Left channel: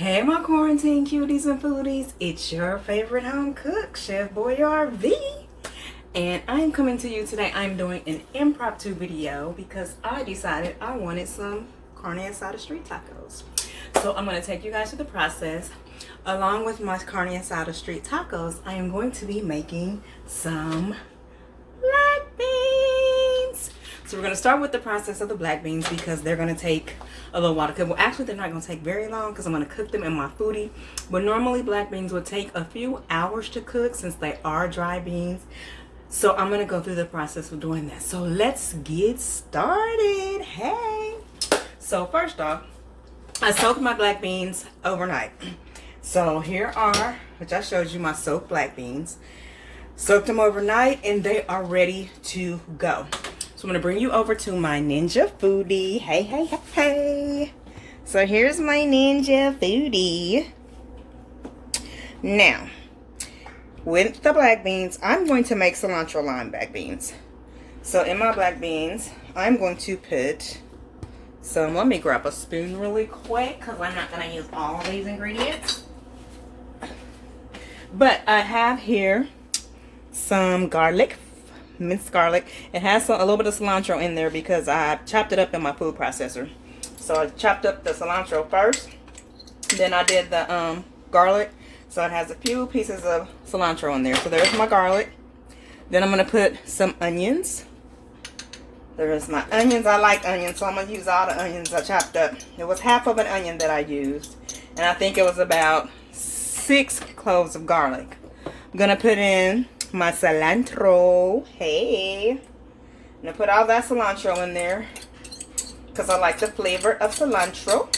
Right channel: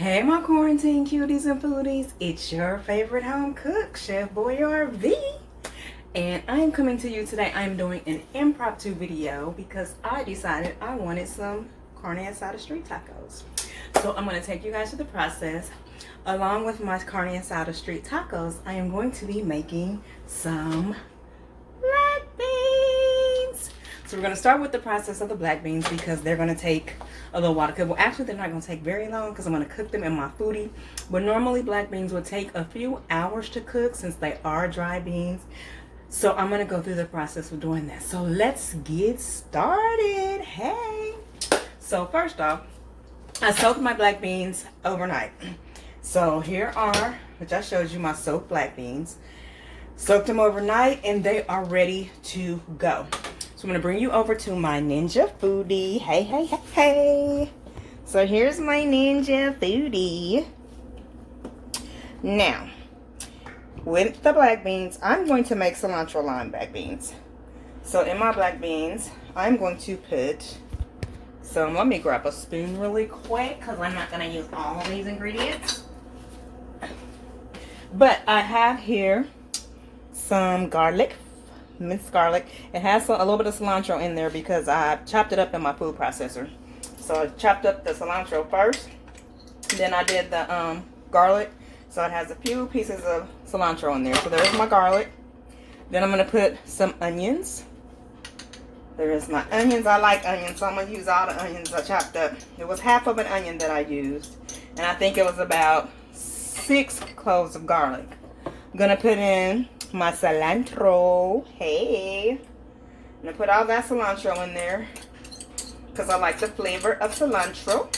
Hey my quarantine cuties and foodies, it's your favorite home cook, Chef Boyar V. And I'm coming to you today. I'm doing an impromptu video because I decided I wanted some Carne Asada Street tacos. So I'm going to take you guys through the process. Along with my Carne Asada Street tacos, I am going to be making some black beans. So we're going to start with the process of the black beans because they're going to take a little while to cook. Well, actually, they're not going to take very long because I'm going to cook them in my foodie. But normally, black beans would take a few hours to cook since they are dry beans. So I'm going to go through the process of doing that. So let's get started. Hey. So first off, I soaked my black beans overnight. So here are, which I showed you, my soaked black beans. Soaked them overnight and they are ready to go. So I'm going to bring you over to my Ninja Foodie. Hey, hey, hey, hey. So here's my Ninja Foodie. Now, with the black beans, I'm going to make cilantro lime black beans. So in my black beans, I'm going to put some, let me grab a spoon really quick because I'm not going to use all of these ingredients. But I have here some garlic, minced garlic. It has a little bit of cilantro in there because I chopped it up in my food processor. So I chopped up the cilantro first, then I did the garlic. So it has a few pieces of cilantro in there. So there's my garlic. Then I'm going to put some onions. There is my onions. I like onions, so I'm going to use all the onions I chopped up. It was half of an onion that I used, and I think it was about 6 cloves of garlic. I'm going to put in my cilantro. Hey. I'm going to put all that cilantro in there because I like the flavor of cilantro.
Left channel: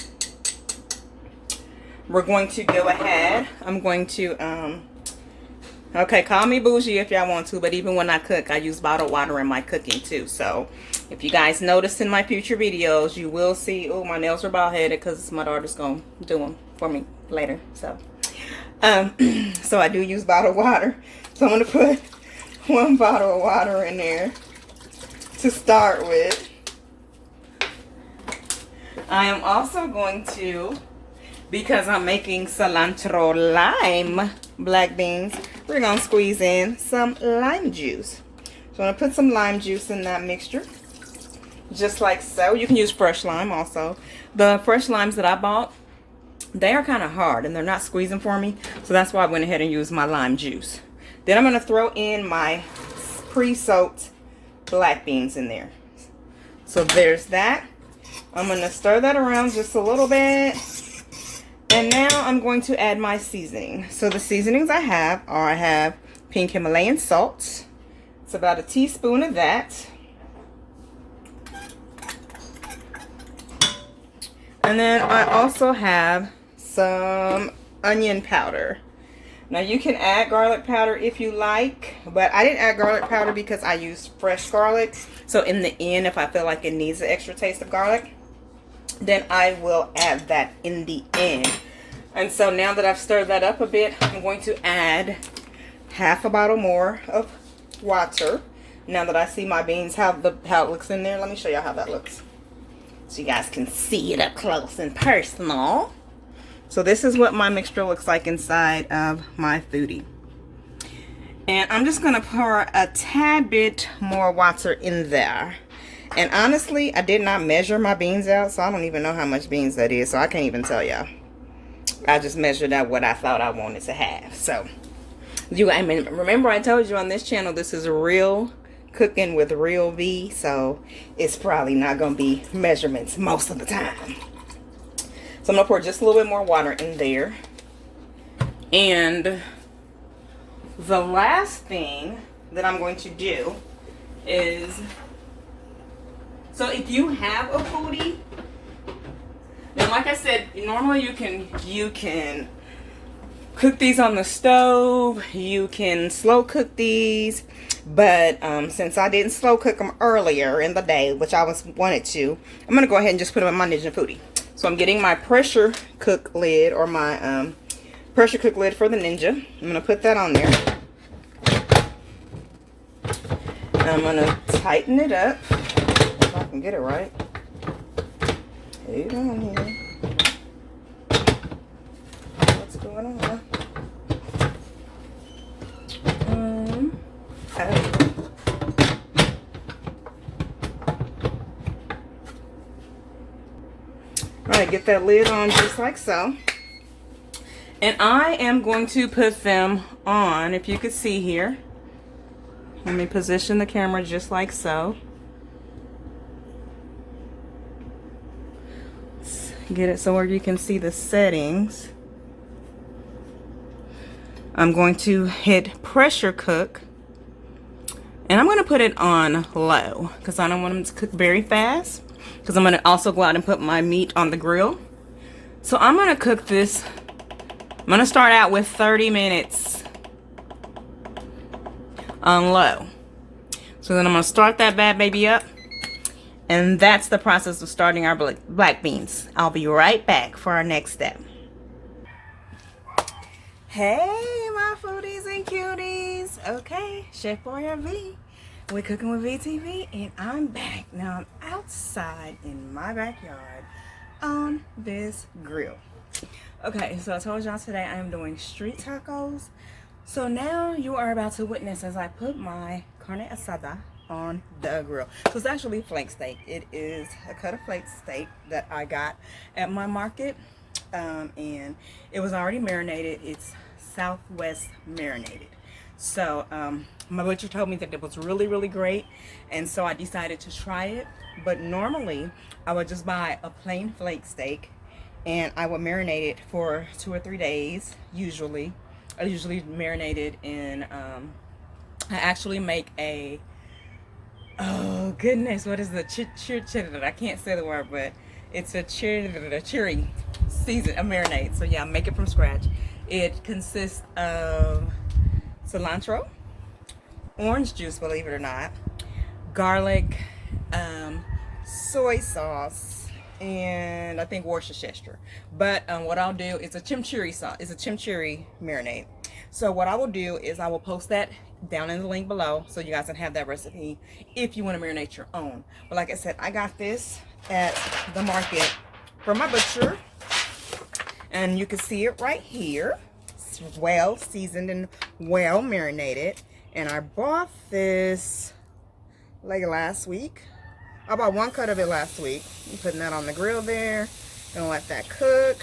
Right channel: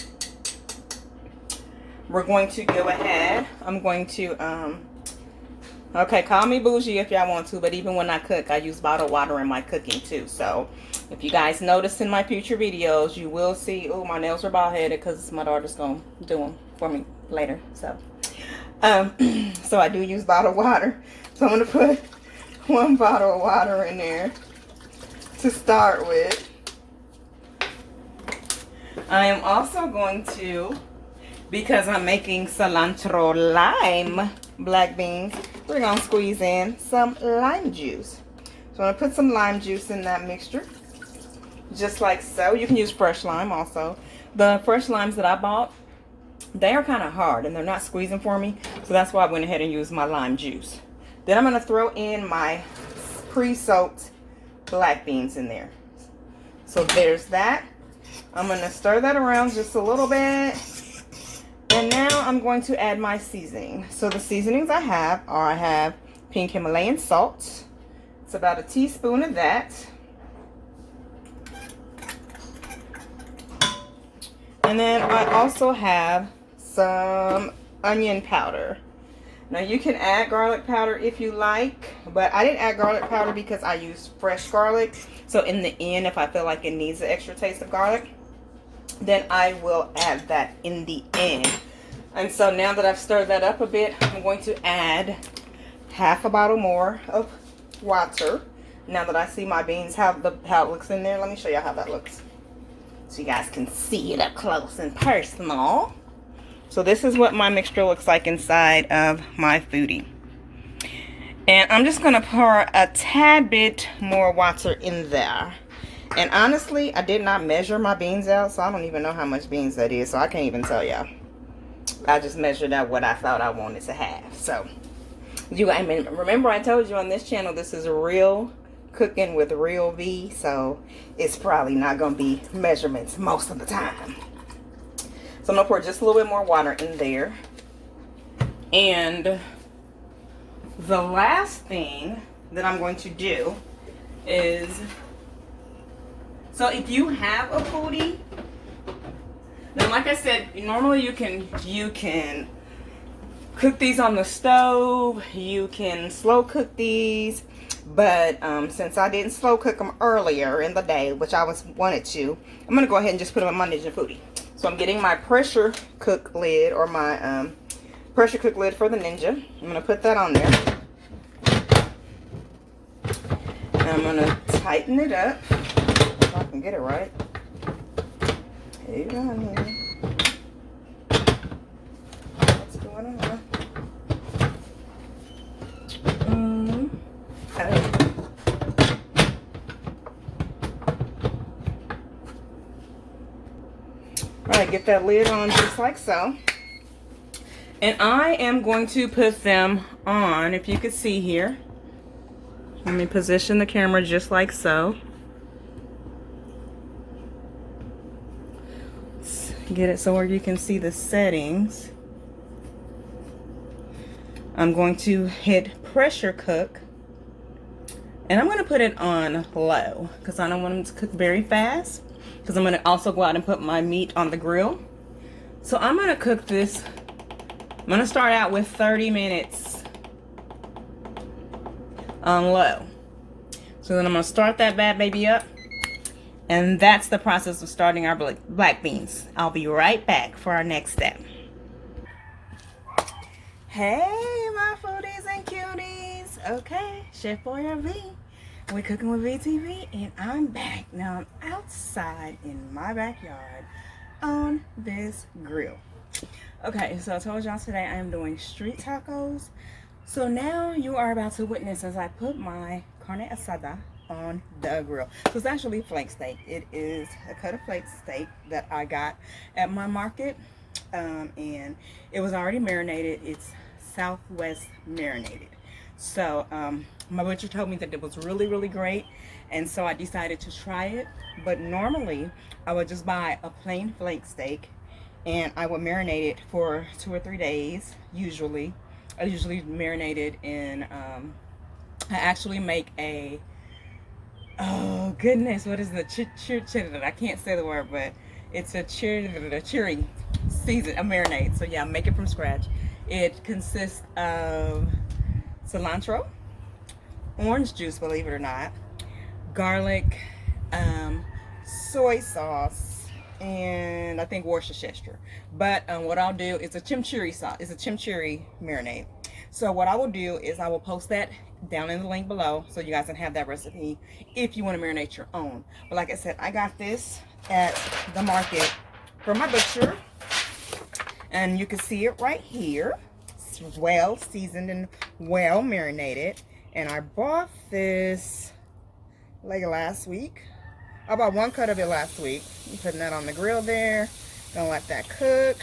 We're going to go ahead. I'm going to, okay, call me bougie if y'all want to, but even when I cook, I use bottled water in my cooking too. So if you guys notice in my future videos, you will see, oh, my nails are bald headed because my daughter's going to do them for me later. So, so I do use bottled water. So I'm going to put 1 bottle of water in there to start with. I am also going to, because I'm making cilantro lime black beans, we're going to squeeze in some lime juice. So I'm going to put some lime juice in that mixture. Just like so. You can use fresh lime also. The fresh limes that I bought, they are kind of hard and they're not squeezing for me. So that's why I went ahead and used my lime juice. Then I'm going to throw in my pre-soaked black beans in there. So there's that. I'm going to stir that around just a little bit. And now I'm going to add my seasoning. So the seasonings I have are, I have pink Himalayan salt. It's about a teaspoon of that. And then I also have some onion powder. Now you can add garlic powder if you like, but I didn't add garlic powder because I used fresh garlic. So in the end, if I feel like it needs an extra taste of garlic, then I will add that in the end. And so now that I've stirred that up a bit, I'm going to add half a bottle more of water. Now that I see my beans, how it looks in there, let me show you how that looks, so you guys can see it up close and personal. So this is what my mixture looks like inside of my foodie. And I'm just going to pour a tad bit more water in there. And honestly, I did not measure my beans out, so I don't even know how much beans that is. So I can't even tell y'all. I just measured out what I thought I wanted to have. So, I mean, remember I told you on this channel, this is real cooking with real V. So it's probably not going to be measurements most of the time. So I'm going to pour just a little bit more water in there. And the last thing that I'm going to do is, so if you have a foodie, now like I said, normally you can cook these on the stove, you can slow cook these, but since I didn't slow cook them earlier in the day, which I wanted to, I'm going to go ahead and just put them in my Ninja Foodie. So I'm getting my pressure cook lid, or my pressure cook lid for the Ninja. I'm going to put that on there. I'm going to tighten it up, if I can get it right. Hold on here. on. Okay. All right, get that lid on just like so. And I am going to put them on, if you could see here. Let me position the camera just like so. Let's get it so where you can see the settings. I'm going to hit pressure cook. And I'm going to put it on low because I don't want them to cook very fast. Because I'm going to also go out and put my meat on the grill. So I'm going to cook this. I'm going to start out with 30 minutes on low. So then I'm going to start that bad baby up. And that's the process of starting our black beans. I'll be right back for our next step. Hey, my foodies and cuties. Okay, Chef Boy RV. We're cooking with VTV and I'm back. Now I'm outside in my backyard on this grill. Okay, so I told y'all today I am doing street tacos. So now you are about to witness as I put my carne asada on the grill. So it's actually flank steak. It is a cut of flank steak that I got at my market. And it was already marinated. It's Southwest marinated. So my butcher told me that it was really, really great. And so I decided to try it. But normally I would just buy a plain flank steak and I would marinate it for 2 or 3 days. Usually I usually marinate it in I actually make a, oh goodness, what is the I can't say the word, but it's a cherry season, a marinade. So yeah, I make it from scratch. It consists of cilantro, orange juice, believe it or not, garlic, soy sauce, and I think Worcestershire. But what I'll do is a chimichurri sauce. It's a chimichurri marinade. So what I will do is I will post that down in the link below so you guys can have that recipe if you want to marinate your own. But like I said, I got this at the market from my butcher, and you can see it right here. It's well seasoned and well marinated. And I bought this like last week. I bought 1 cut of it last week. I'm putting that on the grill there. Gonna let that cook.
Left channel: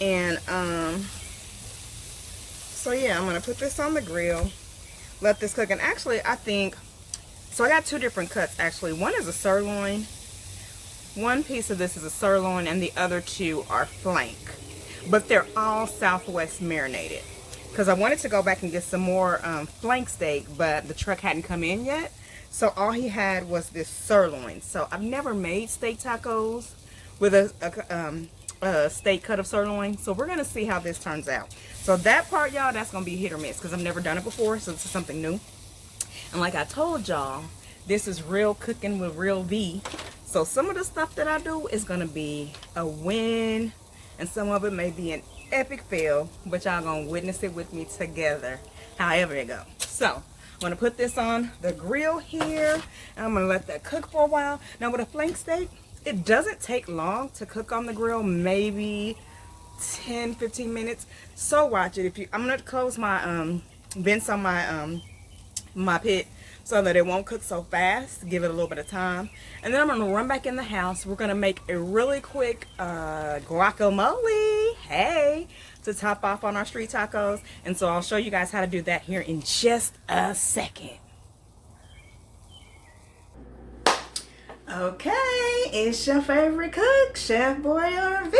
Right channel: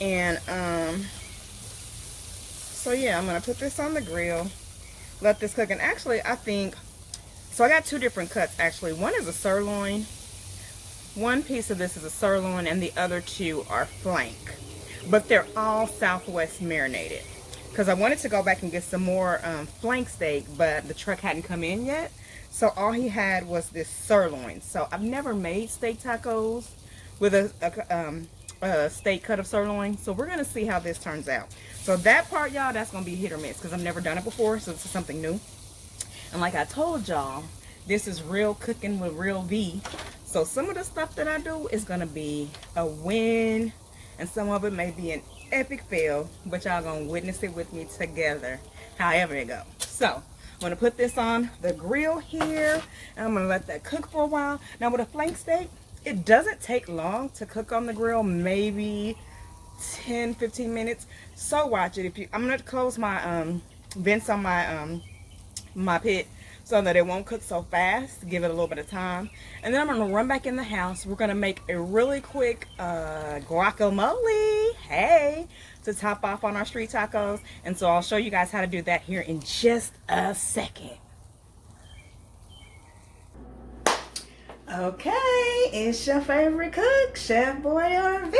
And so yeah, I'm gonna put this on the grill, let this cook. And actually I think, so I got 2 different cuts actually. One is a sirloin. One piece of this is a sirloin and the other 2 are flank. But they're all Southwest marinated. Because I wanted to go back and get some more flank steak, but the truck hadn't come in yet. So all he had was this sirloin. So I've never made steak tacos with a steak cut of sirloin. So we're going to see how this turns out. So that part, y'all, that's going to be hit or miss because I've never done it before. So this is something new. And like I told y'all, this is real cooking with real V. So some of the stuff that I do is going to be a win. And some of it may be an epic fail. But y'all going to witness it with me together. However it goes. So I'm going to put this on the grill here. And I'm going to let that cook for a while. Now with a flank steak, it doesn't take long to cook on the grill. Maybe 10-15 minutes. So watch it. I'm going to close my vents on my my pit so that it won't cook so fast. Give it a little bit of time. And then I'm going to run back in the house. We're going to make a really quick guacamole. Hey, to top off on our street tacos. And so I'll show you guys how to do that here in just a second. Okay, it's your favorite cook, Chef Boy RV.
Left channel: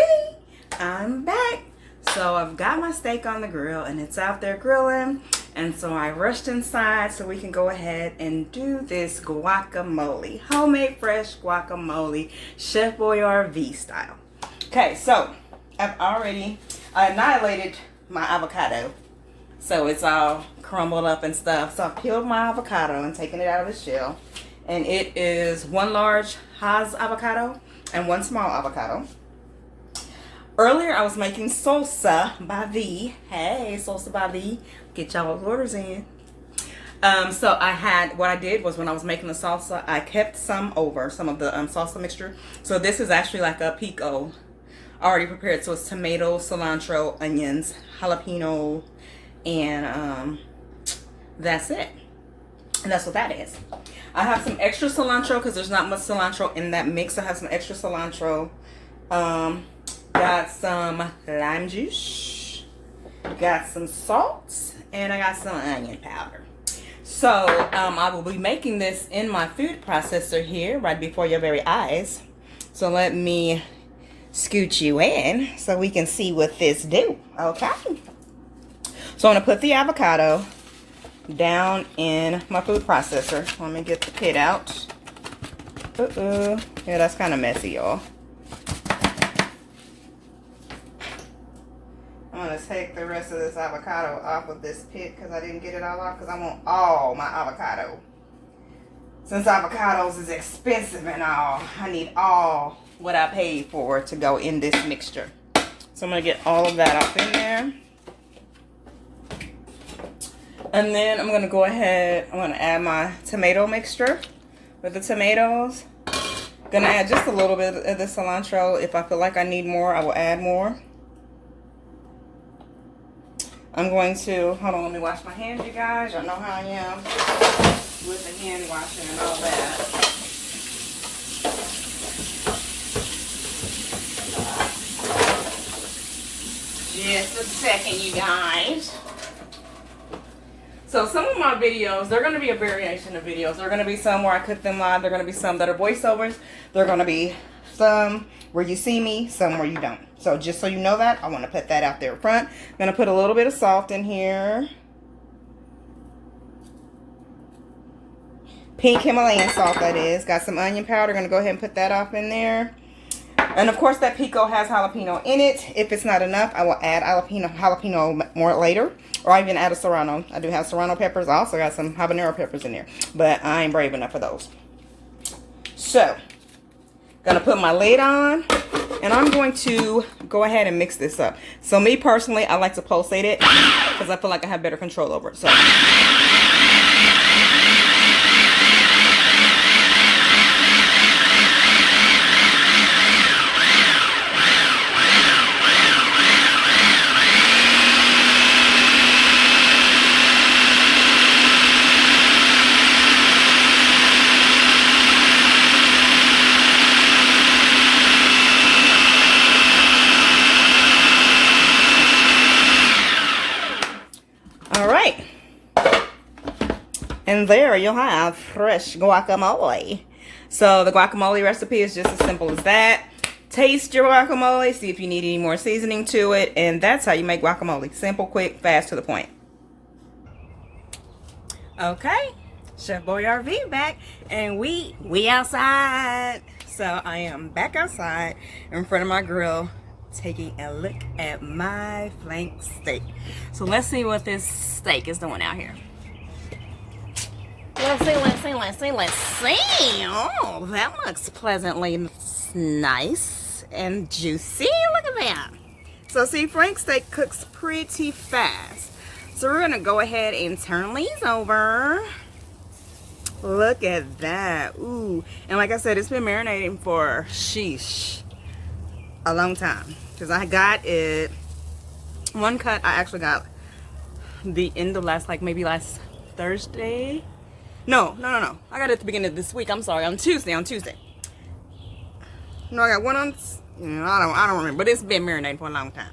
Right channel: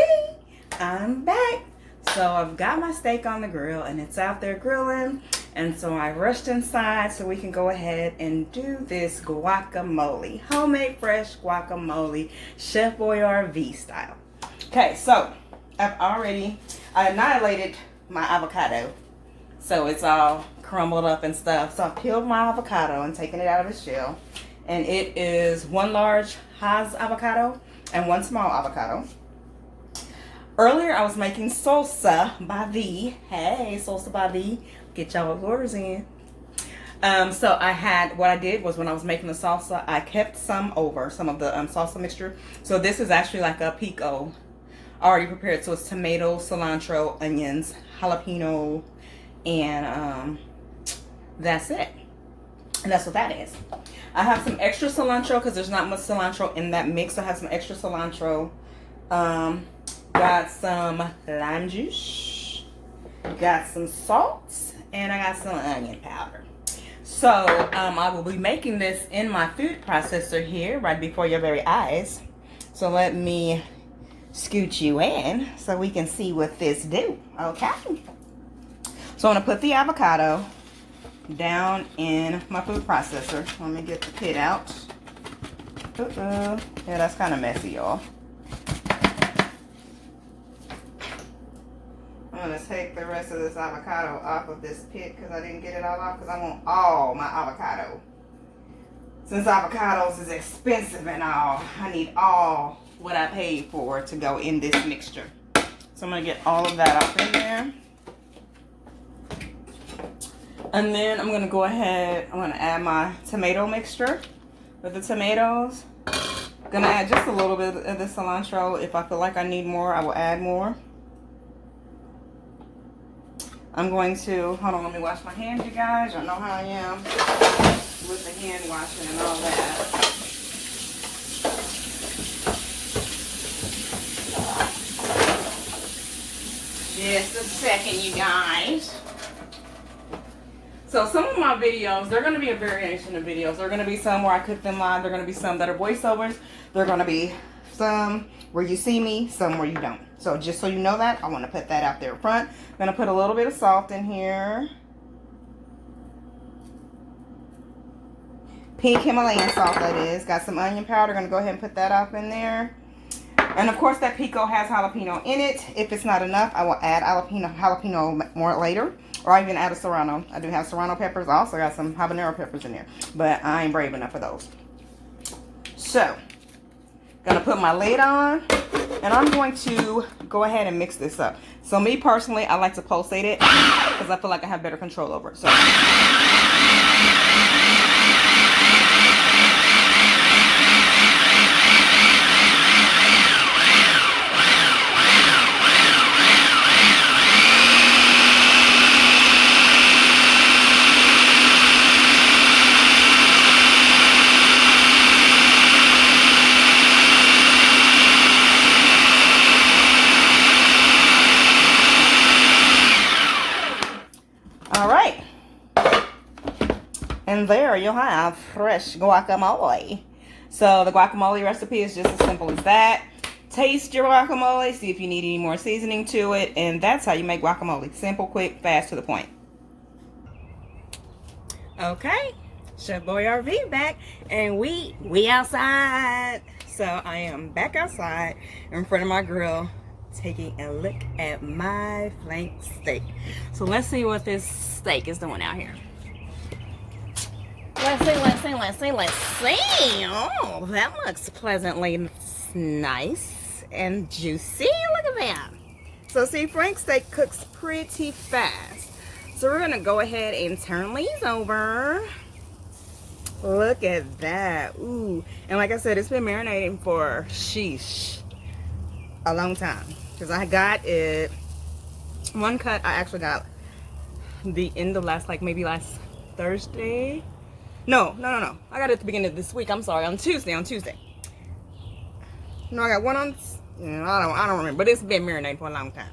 I'm back. So I've got my steak on the grill and it's out there grilling. And so I rushed inside so we can go ahead and do this guacamole. Homemade fresh guacamole, Chef Boy RV style. Okay, so I annihilated my avocado. So it's all crumbled up and stuff. So I've peeled my avocado and taken it out of the shell. And it is 1 large Hass avocado and 1 small avocado. Earlier, I was making salsa by V. Hey, salsa by V. Get y'all orders in. So what I did was when I was making the salsa, I kept some over, some of the salsa mixture. So this is actually like a pico already prepared. So it's tomato, cilantro, onions, jalapeno, and that's it. And that's what that is. I have some extra cilantro because there's not much cilantro in that mix. I have some extra cilantro. Got some lime juice. Got some salt. And I got some onion powder. So I will be making this in my food processor here right before your very eyes. So let me scoot you in so we can see what this do. Okay. So I'm going to put the avocado down in my food processor. Let me get the pit out. Yeah, that's kind of messy, y'all. I'm going to take the rest of this avocado off of this pit because I didn't get it all off because I want all my avocado. Since avocados is expensive and all, I need all what I paid for to go in this mixture. So I'm going to get all of that up in there. And then I'm going to go ahead, I'm going to add my tomato mixture with the tomatoes. I'm going to add just a little bit of the cilantro. If I feel like I need more, I will add more. I'm going to, hold on, let me wash my hands, you guys. Y'all know how I am with the hand washing and all that. Just a second, you guys. So some of my videos, they're going to be a variation of videos. There are going to be some where I cook them live. There are going to be some that are voiceovers. There are going to be some where you see me, some where you don't. So just so you know that, I want to put that out there front. I'm going to put a little bit of salt in here. Pink Himalayan salt, that is. Got some onion powder. Going to go ahead and put that off in there. And of course that pico has jalapeno in it. If it's not enough, I will add jalapeno more later. Or I even add a serrano. I do have serrano peppers. I also got some habanero peppers in there. But I ain't brave enough for those. So, gonna put my lid on. And I'm going to go ahead and mix this up. So me personally, I like to pulsate it. Because I feel like I have better control over it. So. And there you'll have fresh guacamole. So the guacamole recipe is just as simple as that. Taste your guacamole, see if you need any more seasoning to it, and that's how you make guacamole. Simple, quick, fast, to the point. Okay, Chef Boy RV back, and we outside. So I am back outside in front of my grill, taking a look at my flank steak. So let's see what this steak is doing out here. Let's see. Oh, that looks pleasantly nice and juicy. Look at that. So see, flank steak cooks pretty fast. So we're gonna go ahead and turn these over. Look at that. Ooh. And like I said, it's been marinating for, sheesh, a long time. Because I got it, one cut I actually got the end of last Thursday. No. I got it at the beginning of this week. I'm sorry, on Tuesday. No, I got one on, I don't remember, but it's been marinating for a long time.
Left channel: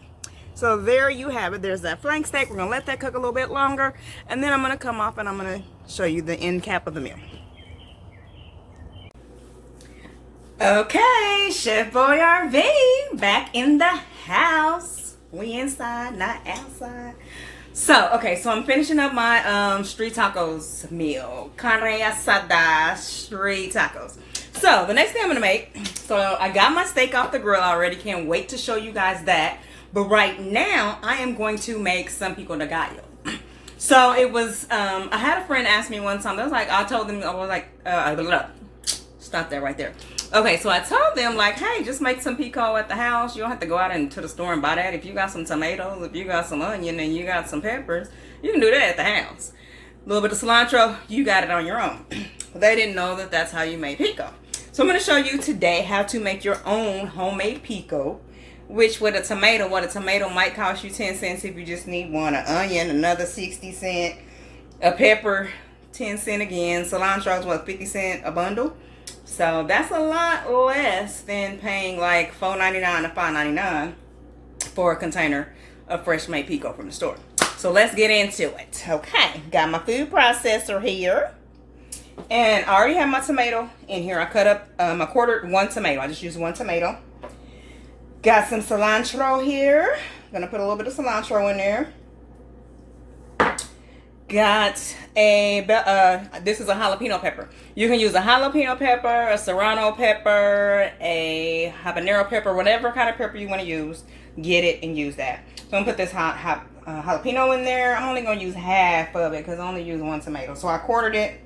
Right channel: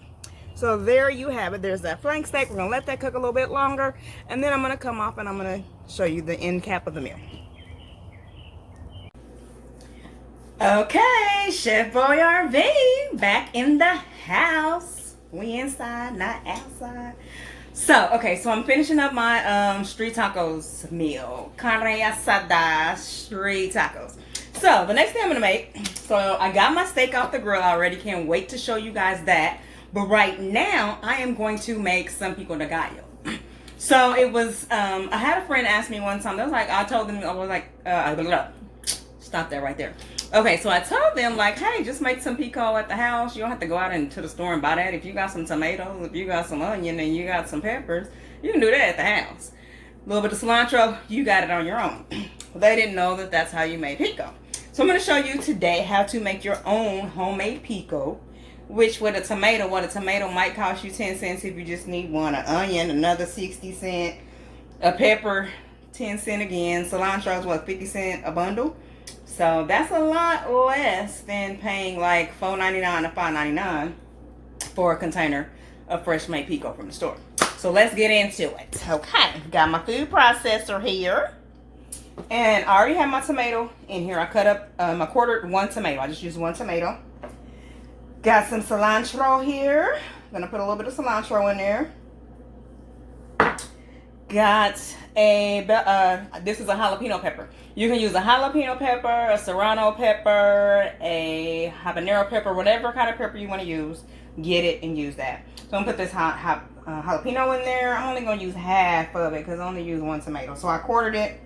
So there you have it. There's that flank steak. We're going to let that cook a little bit longer. And then I'm going to come off and I'm going to show you the end cap of the meal. Okay, Chef Boy RV back in the house. We inside, not outside. So, okay, so I'm finishing up my street tacos meal. Carne Asada Street tacos. So, the next thing I'm going to make, so I got my steak off the grill already. Can't wait to show you guys that. But right now, I am going to make some pico de gallo. So, it was, I had a friend ask me one time, stop that right there. Okay, so I told them, like, hey, just make some pico at the house. You don't have to go out into the store and buy that. If you got some tomatoes, if you got some onion, and you got some peppers, you can do that at the house. A little bit of cilantro, you got it on your own. They didn't know that that's how you made pico. So I'm going to show you today how to make your own homemade pico Which with a tomato, what a tomato might cost you 10 cents if you just need one. An onion, another 60 cents. A pepper, 10 cents again. Cilantro is what, 50 cents a bundle? So that's a lot less than paying like $4.99 to $5.99 for a container of fresh made pico from the store. So let's get into it. Okay, got my food processor here. And I already have my tomato in here. I cut up, I quartered one tomato. I just used one tomato. Got some cilantro here. Gonna put a little bit of cilantro in there. Got a, this is a jalapeno pepper. You can use a jalapeno pepper, a serrano pepper, a habanero pepper, whatever kind of pepper you want to use. Get it and use that. So I'm gonna put this jalapeno in there. I'm only gonna use half of it because I only use one tomato. So I quartered it.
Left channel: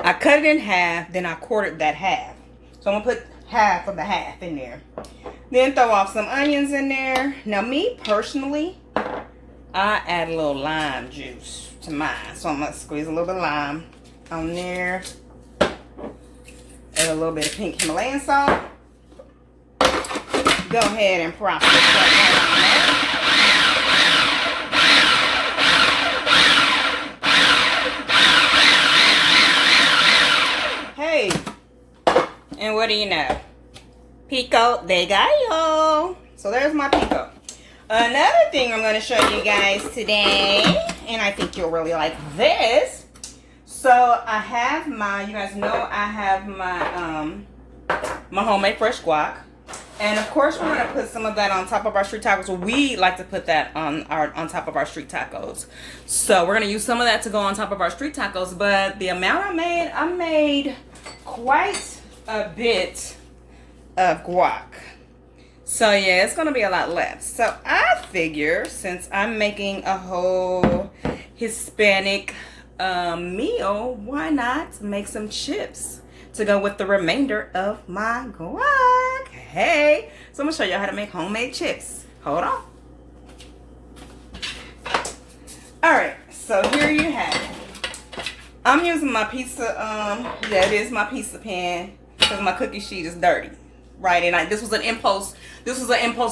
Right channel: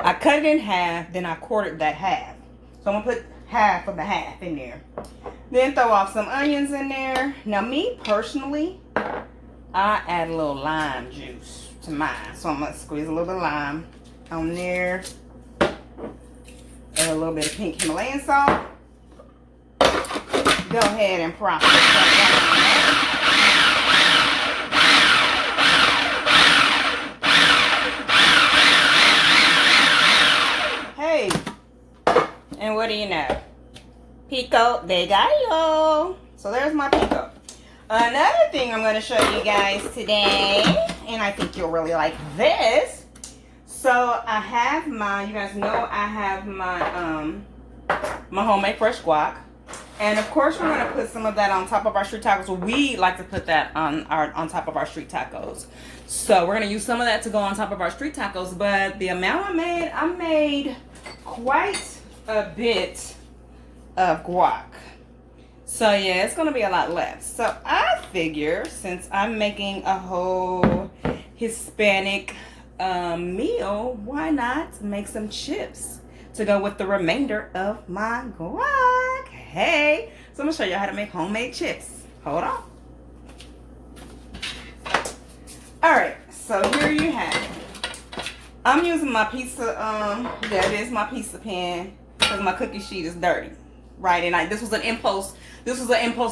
I cut it in half, then I quartered that half. So I'm gonna put half of the half in there. Then throw off some onions in there. Now me personally, I add a little lime juice to mine. So I'm gonna squeeze a little bit of lime on there. Add a little bit of pink Himalayan salt. Go ahead and process that. Hey, and what do you know? Pico de gallo. So there's my pico. Another thing I'm going to show you guys today, and I think you'll really like this. So I have my, you guys know I have my my homemade fresh guac. And of course we're going to put some of that on top of our street tacos. We like to put that on top of our street tacos. So we're going to use some of that to go on top of our street tacos. But the amount I made quite a bit of guac. So yeah, it's gonna be a lot left. So I figure since I'm making a whole Hispanic meal, why not make some chips to go with the remainder of my guac? Hey, so I'm gonna show you how to make homemade chips. Hold on. All right, so here you have it. I'm using my pizza, yeah, it is my pizza pan because my cookie sheet is dirty. Right, and this was an impulse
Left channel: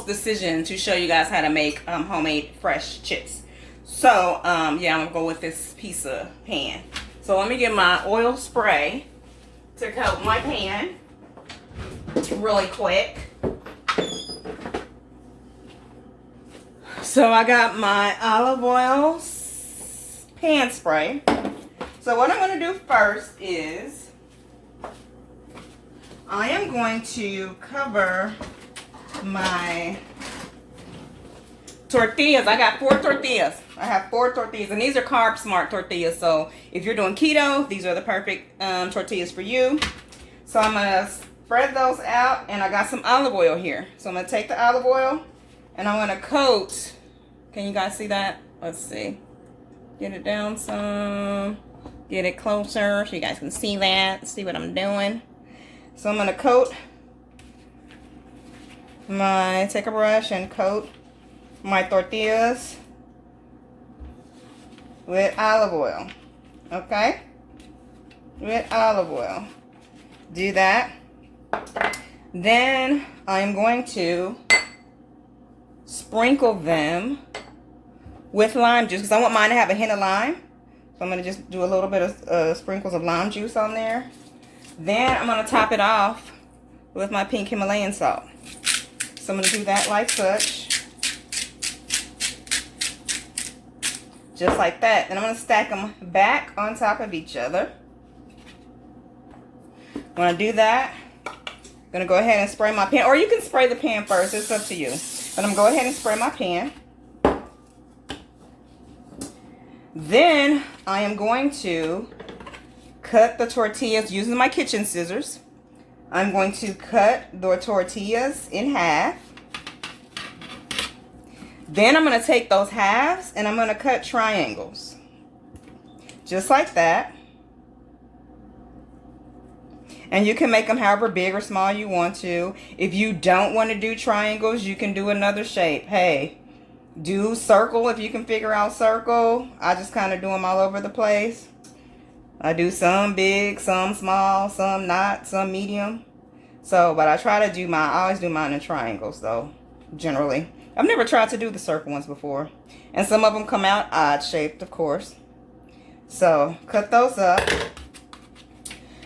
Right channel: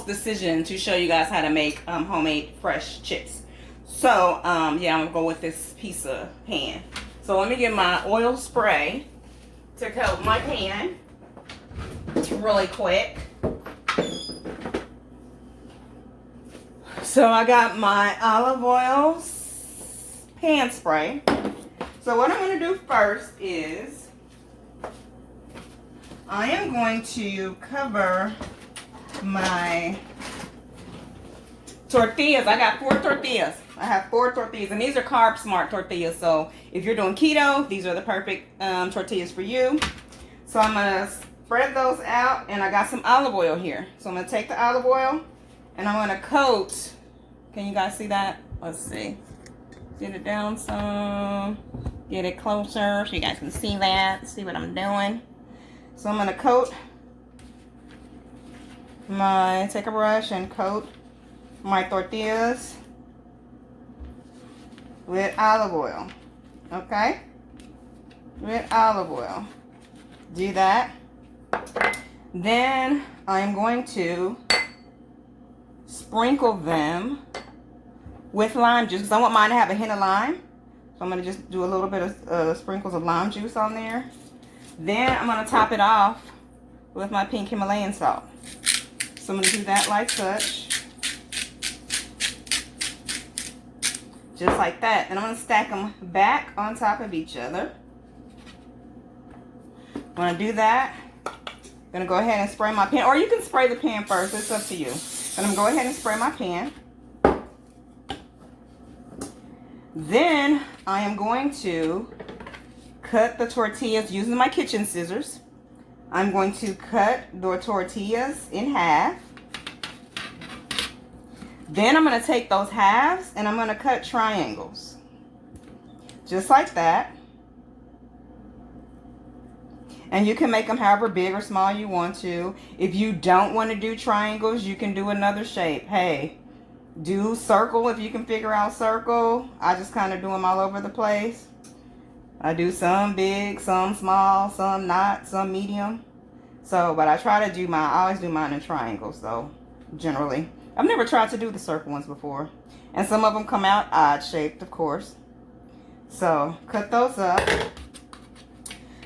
decision to show you guys how to make homemade fresh chips. So yeah, I'm gonna go with this pizza pan. So let me get my oil spray to coat my pan really quick. So I got my olive oil pan spray. So what I'm gonna do first is I am going to cover my tortillas. I got 4 tortillas. I have 4 tortillas, and these are carb smart tortillas. So if you're doing keto, these are the perfect tortillas for you. So I'm gonna spread those out, and I got some olive oil here. So I'm gonna take the olive oil, and I'm gonna coat. Can you guys see that? Let's see. Get it down some. Get it closer so you guys can see that. See what I'm doing. So I'm going to coat take a brush and coat my tortillas with olive oil. Okay? With olive oil. Do that. Then I'm going to sprinkle them with lime juice because I want mine to have a hint of lime. So I'm going to just do a little bit of sprinkles of lime juice on there. Then I'm going to top it off with my pink Himalayan salt. So I'm going to do that like such. Just like that. Then I'm going to stack them back on top of each other. When I do that, I'm going to go ahead and spray my pan. Or you can spray the pan first. It's up to you. But I'm going to go ahead and spray my pan. Then I am going to cut the tortillas using my kitchen scissors. I'm going to cut the tortillas in half. Then I'm going to take those halves and I'm going to cut triangles. Just like that. And you can make them however big or small you want to. If you don't want to do triangles, you can do another shape. Hey, do circle if you can figure out circle. I just kind of do them all over the place. I do some big, some small, some not, some medium. So, but I try to do I always do mine in triangles though. generally. I've never tried to do the circle ones before. And some of them come out odd shaped, of course. So cut those up.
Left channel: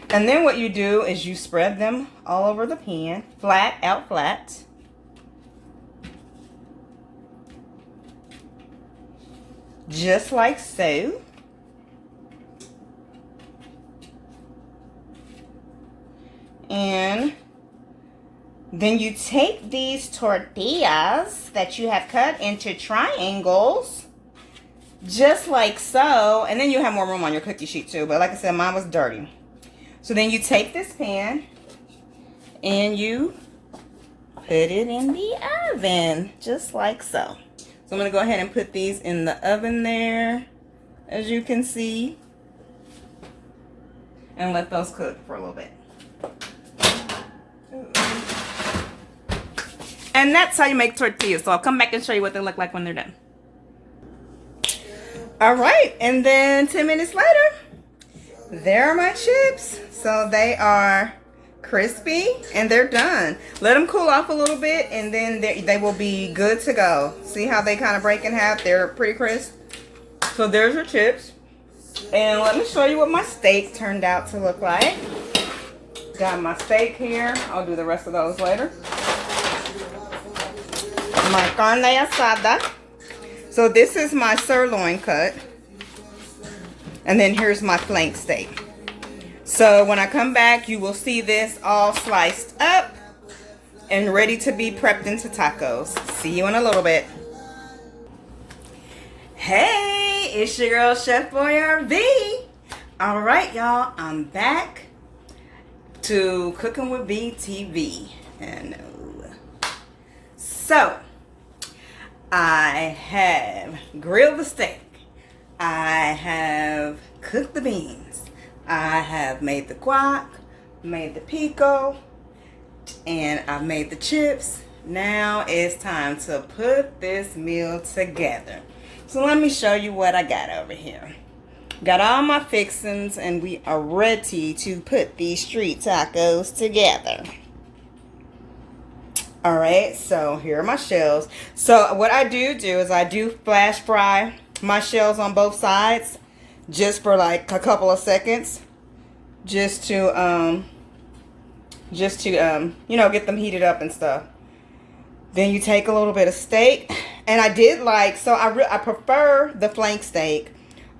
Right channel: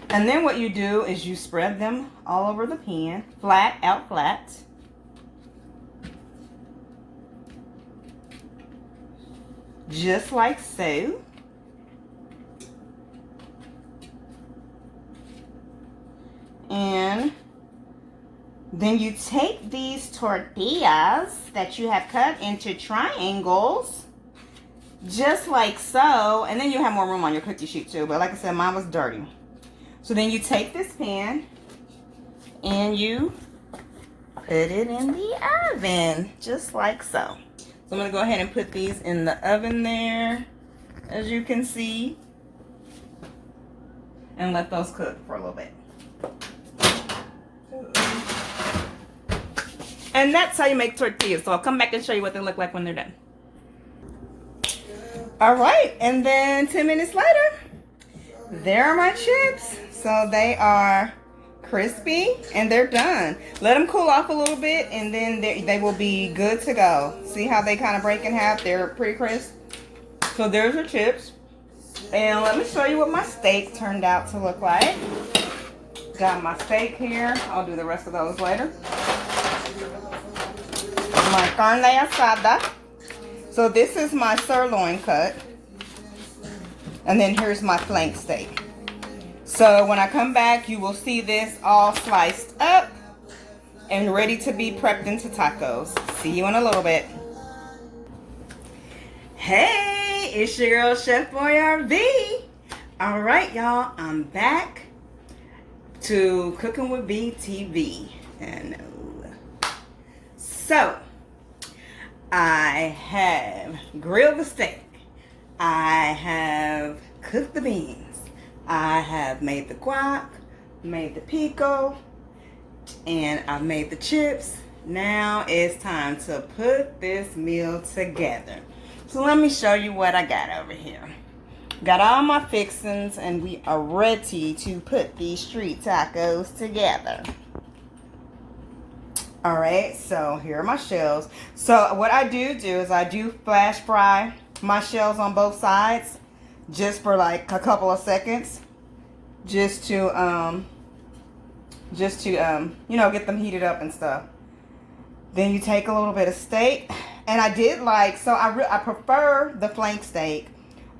And then what you do is you spread them all over the pan, flat, out flat. Just like so. And then you take these tortillas that you have cut into triangles, just like so. And then you have more room on your cookie sheet too. But like I said, mine was dirty. So then you take this pan and you put it in the oven, just like so. So I'm going to go ahead and put these in the oven there, as you can see. And let those cook for a little bit. And that's how you make tortillas. So I'll come back and show you what they look like when they're done. All right, and then 10 minutes later, there are my chips. So they are crispy and they're done. Let them cool off a little bit and then they will be good to go. See how they kind of break in half? They're pretty crisp. So there's your chips. And let me show you what my steak turned out to look like. Got my steak here. I'll do the rest of those later. My carne asada. So this is my sirloin cut. And then here's my flank steak. So when I come back, you will see this all sliced up and ready to be prepped into tacos. See you in a little bit. Hey, it's your girl, Chef Boyard V. All right, y'all, I'm back to Cooking with B TV. And so I have grilled the steak. I have cooked the beans. I have made the guac, made the pico, and I've made the chips. Now it's time to put this meal together. So let me show you what I got over here. Got all my fixings and we are ready to put these street tacos together. All right, so here are my shells. So what I do is I do flash fry my shells on both sides just for like a couple of seconds, just to you know, get them heated up and stuff. Then you take a little bit of steak, and I did like, so I prefer the flank steak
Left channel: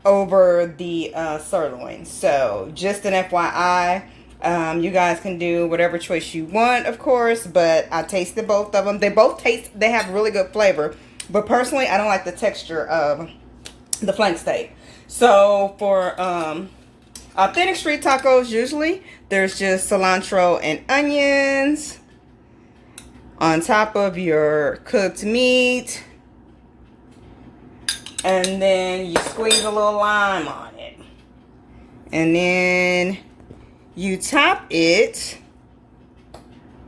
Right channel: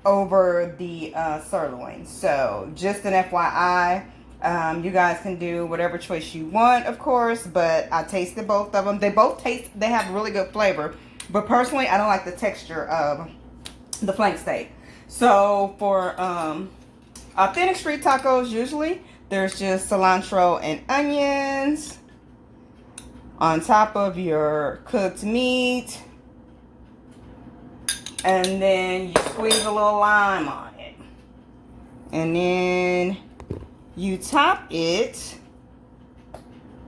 over the sirloin. So just an FYI, you guys can do whatever choice you want, of course, but I tasted both of them. They have really good flavor, but personally, I don't like the texture of the flank steak. So for authentic street tacos, usually there's just cilantro and onions on top of your cooked meat, and then you squeeze a little lime on it, and then you top it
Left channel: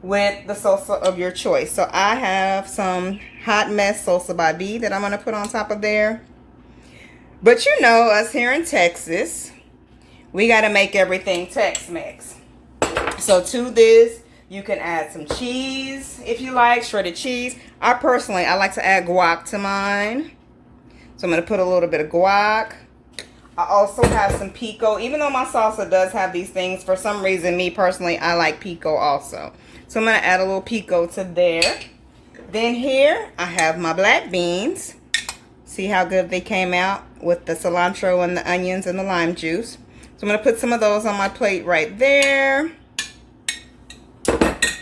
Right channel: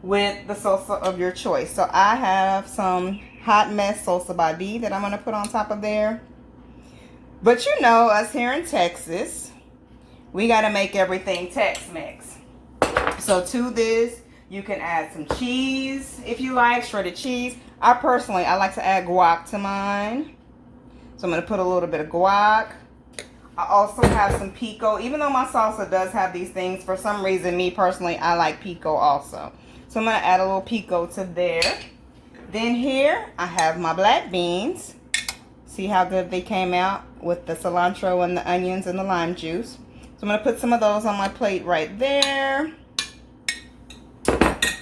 with the salsa of your choice. So I have some hot mess salsa by B that I'm going to put on top of there. But you know, us here in Texas, we got to make everything Tex-Mex. So to this, you can add some cheese if you like, shredded cheese. I like to add guac to mine. So I'm going to put a little bit of guac. I also have some pico. Even though my salsa does have these things, for some reason, me personally, I like pico also. So I'm going to add a little pico to there. Then here, I have my black beans. See how good they came out with the cilantro and the onions and the lime juice. So I'm going to put some of those on my plate right there.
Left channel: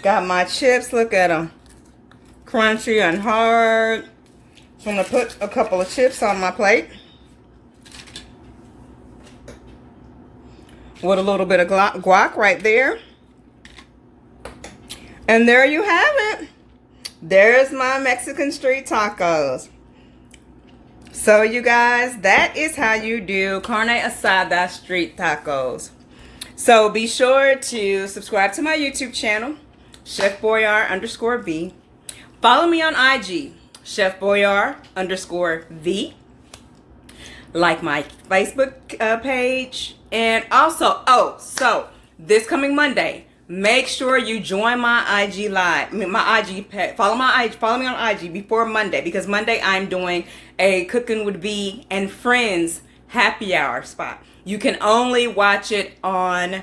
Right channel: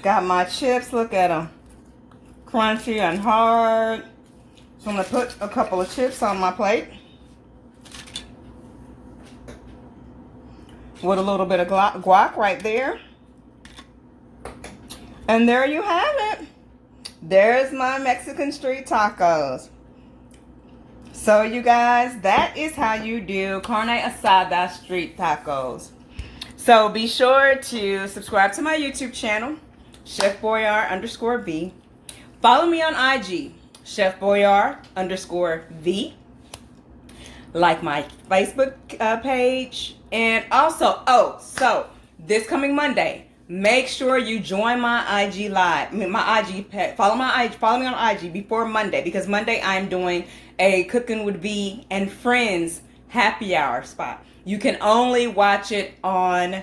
Got my chips. Look at them. Crunchy and hard. So I'm going to put a couple of chips on my plate. With a little bit of guac right there. And there you have it. There's my Mexican street tacos. So you guys, that is how you do carne asada street tacos. So be sure to subscribe to my YouTube channel, Chef Boyard _V. Follow me on IG, Chef Boyard _V. Like my Facebook page. And also, so this coming Monday, make sure you join my IG live. My IG page. Follow me on IG before Monday, because Monday I'm doing a Cooking with V and Friends happy hour spot. You can only watch it on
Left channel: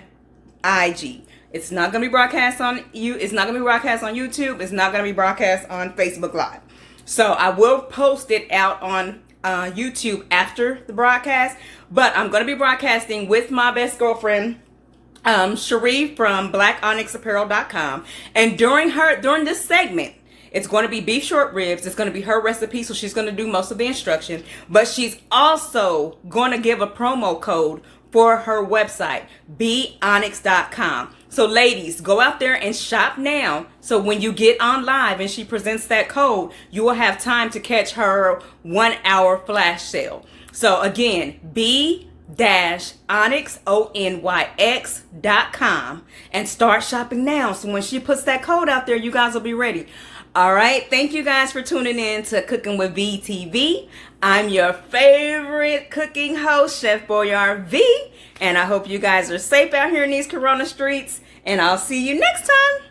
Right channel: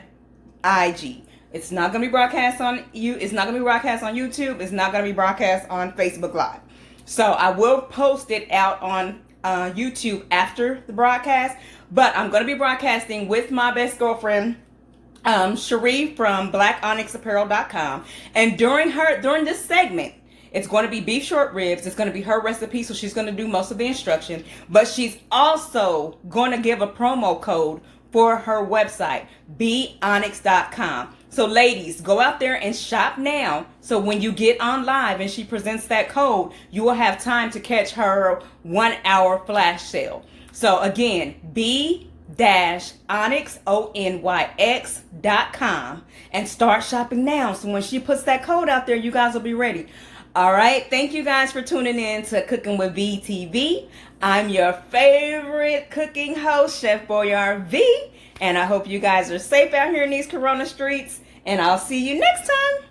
IG. It's not going to be broadcast on It's not going to be broadcast on YouTube. It's not going to be broadcast on Facebook Live. So I will post it out on YouTube after the broadcast. But I'm going to be broadcasting with my best girlfriend, Cherie from BlackOnyxApparel.com. And during this segment, it's going to be beef short ribs. It's going to be her recipe, so she's going to do most of the instructions. But she's also going to give a promo code for her website, beonyx.com. So ladies, go out there and shop now. So when you get on live and she presents that code, you will have time to catch her 1 hour flash sale. So again, onyx.com, and start shopping now. So when she puts that code out there, you guys will be ready. All right. Thank you guys for tuning in to Cooking with V TV. I'm your favorite cooking host, Chef Boyard V. And I hope you guys are safe out here in these Corona streets. And I'll see you next time.